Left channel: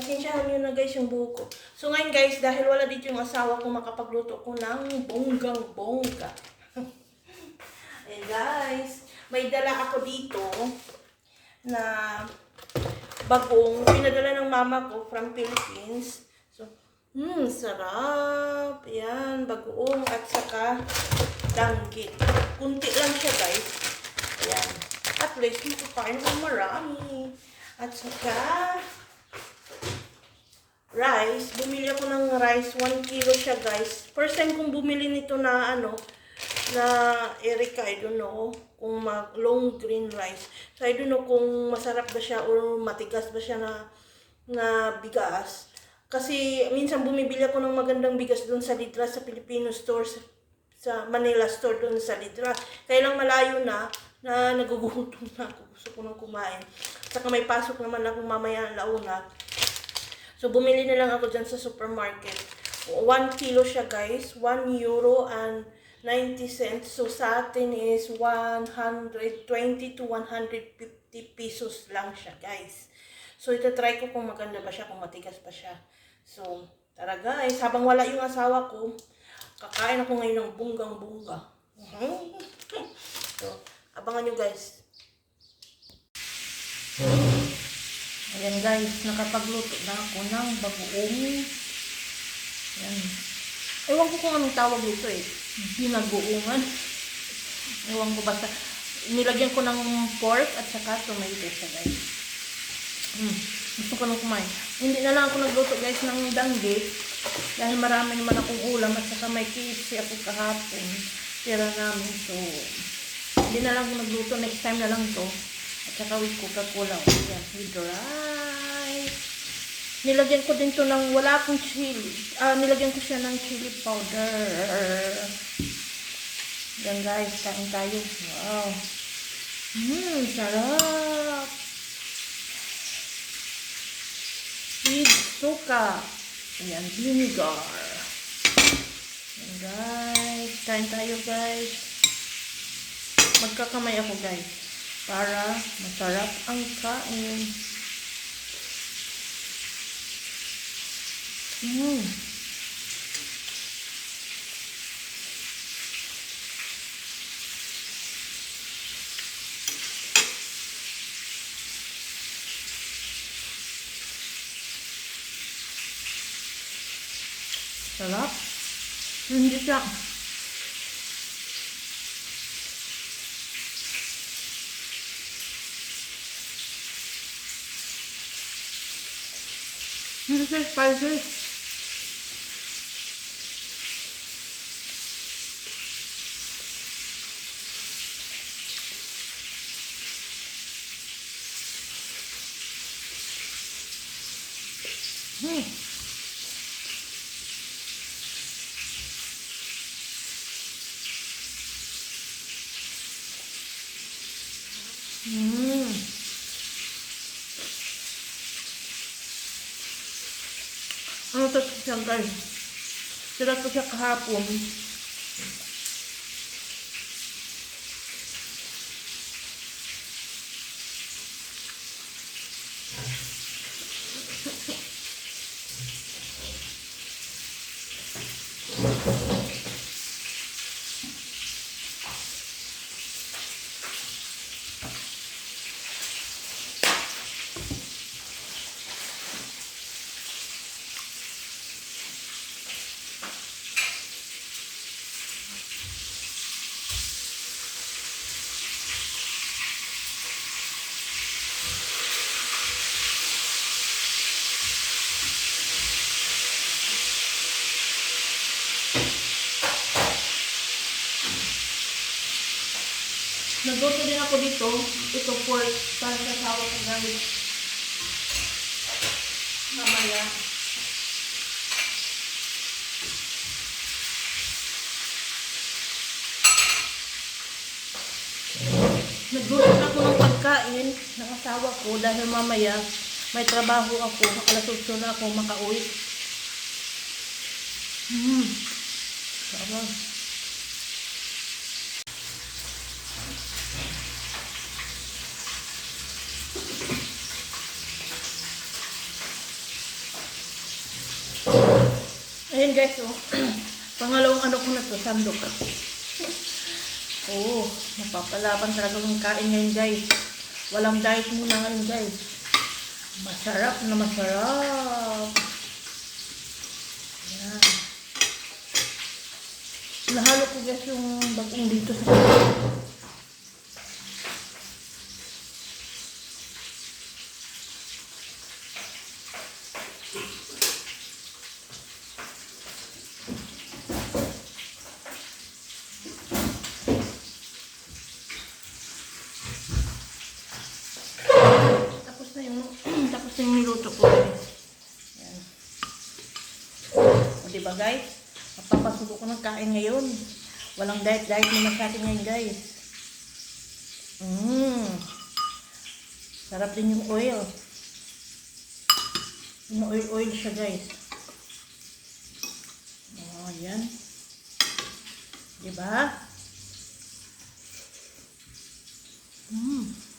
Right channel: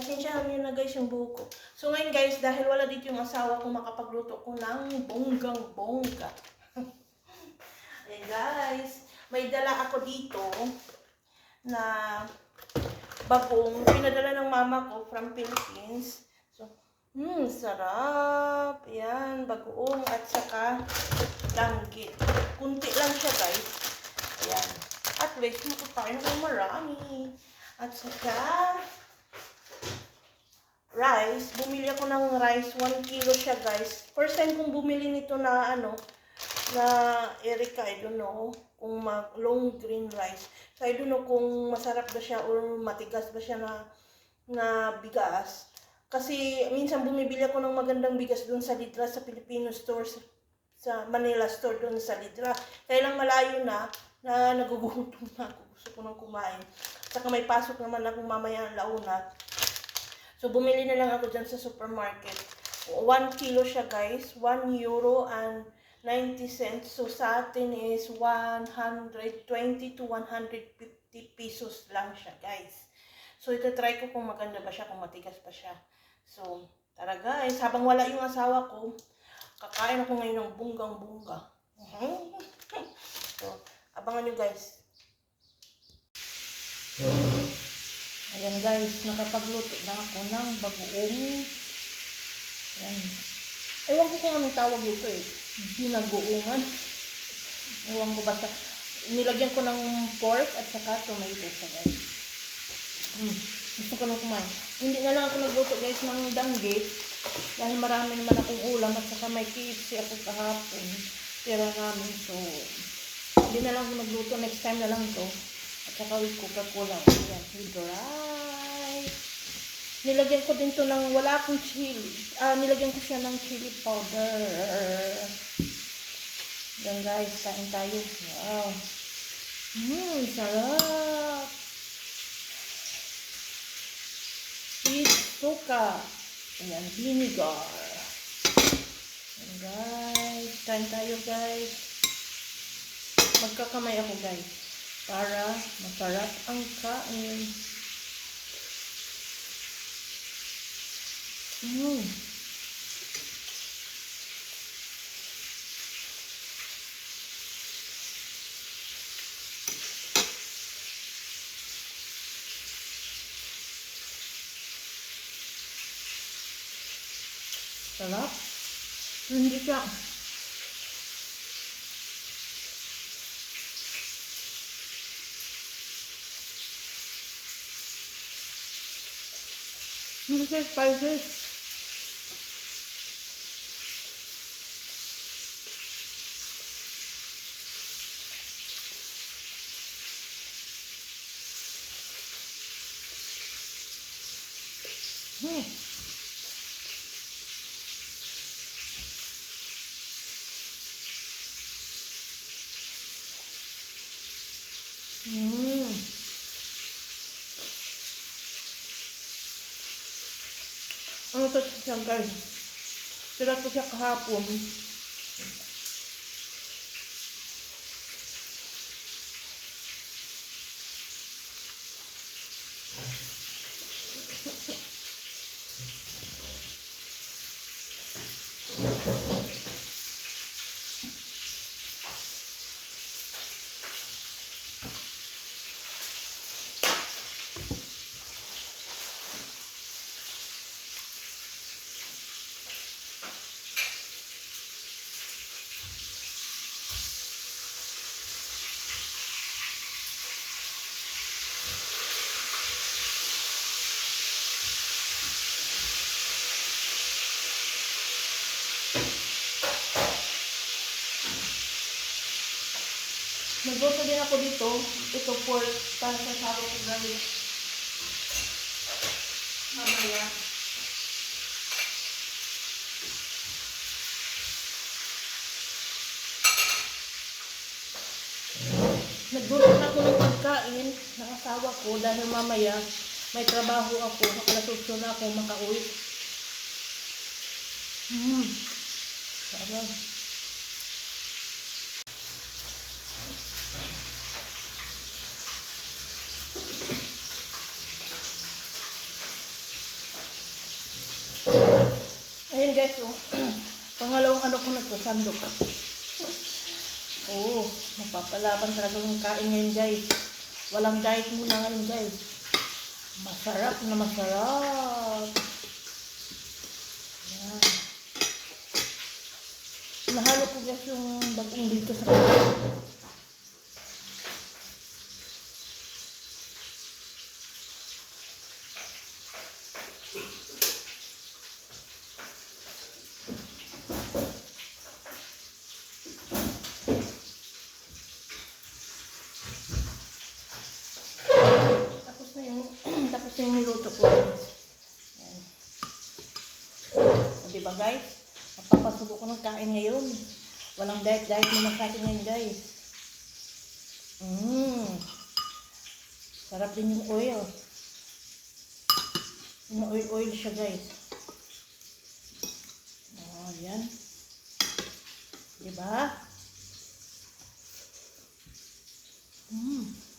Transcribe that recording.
Pasensyahan niyo na guys yung buhok ko. So ngayon guys, dahil wala dito yung asawa ko, makapagluto ko ng bonggang bongga. Ayan guys, may dala ako dito na bagong pinadala ng mama ko from Philippines. So, hmm, sarap. Ayan, bagoong at saka danggit. Kunti lang siya guys. Ayan. At least, makakain ako marami. At saka, rice. Bumili ako ng rice. 1 kilo siya, guys. First time kong bumili nito na, ano, na Erika, I don't know, kung mag long green rice. So, I don't know kung masarap ba siya or matigas ba siya na, na bigas. Kasi, minsan bumibili ako ng magandang bigas doon sa Lidra, sa Filipino store, sa, sa Manila store doon sa Lidra. Kaya lang malayo na, na nagugutom na ako. Gusto ko nang kumain. Saka may pasok naman akong mamaya ang launa. So, bumili na lang ako dyan sa supermarket. 1 kilo siya, guys. 1 euro and 90 cents. So, sa atin is 120 to 150 pesos lang siya, guys. So, itatry ko kung maganda ba siya, kung matigas pa siya. So, tara guys. Habang wala yung asawa ko, kakain ako ngayon ng bunggang-bungga. so, abangan nyo guys. Ayan guys, nakapagluto na ako ng bagoong. Ayan. Ewan ko kung anong tawag dito eh. Binagoongan. Ewan ko basta. Nilagyan ko ng pork at saka tomato siya guys. Mm. Gusto ko nang kumain. Hindi na lang ako nagluto guys ng danggit. Dahil marami naman akong ulam at saka may KFC ako kahapon. Tira namin. So, hindi na lang ako nagluto. Next time na lang to. At saka with Coca-Cola. Ayan, with rice. Nilagyan ko din to ng wala akong chili. Ah, nilagyan ko siya ng chili powder. Yan guys, kain tayo. Wow. Mmm, sarap. With suka. Ayan, vinegar. Ayan guys, kain tayo guys. Magkakamay ako guys para masarap ang kain. Mm. Sarap. Hindi siya. Hindi siya spicy. Hmm. Mm. Ano to siya guys? Sila to siya kahapon. Nagluto din ako dito. Ito for para sa sawa ko gamit. Mamaya. Nagluto na ako ng pagkain ng asawa ko dahil mamaya may trabaho ako. Alas 8 na ako makauwi. Hmm. Sarap. Guys, oh. Pangalawang ano ko na to, sandok. Oo, oh, mapapalaban talaga ng kain ngayon guys. Walang diet muna ngayon guys. Masarap na masarap. Yan. Nahalo ko guys yung bagong dito sa Tapos na yung, tapos na yung niluto ko. Yan. O, diba guys? Napapasubo ko ng kain ngayon. Walang diet-diet naman sa atin ngayon guys. Mmm. Sarap din yung oil. Yung oil-oil siya guys. O, yan. Diba? Mmm.